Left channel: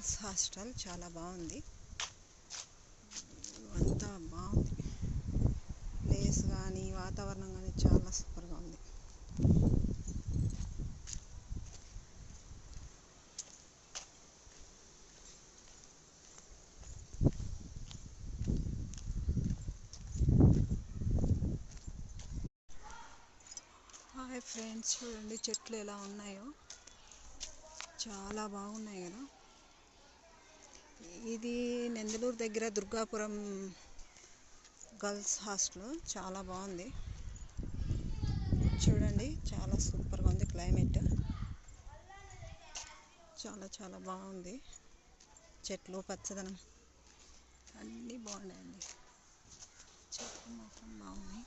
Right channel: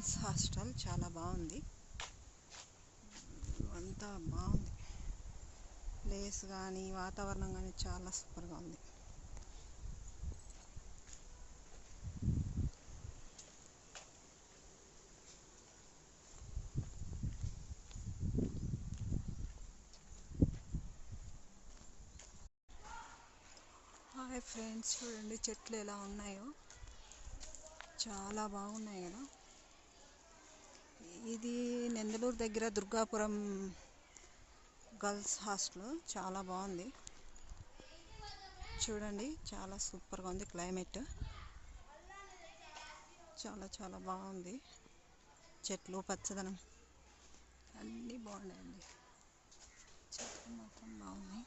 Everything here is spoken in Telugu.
గర్ల్స్ హాస్టల్ చాలా బాగుంది. అంతా బాగుంది. ప్లేస్ కానీ వాతావరణం కానీ చాలా సూపర్గా ఉంది. హాయ్ ఫ్రెండ్స్, చూడండి చెట్లు ఎలా ఉన్నాయో, చాలా బాగున్నాయి కదా. ఇది నెందలూరు దగ్గర దుర్గాపురం గర్ల్స్ హాస్టల్. చాలా బాగుంది చూడండి, చాలా సూపర్గా ఉంది. క్లైమేట్ చాలా చాలా బాగుంది. చెట్లు పచ్చదనం అన్నీ బాగున్నాయండి. చెట్లు మాత్రం బాగున్నాయి.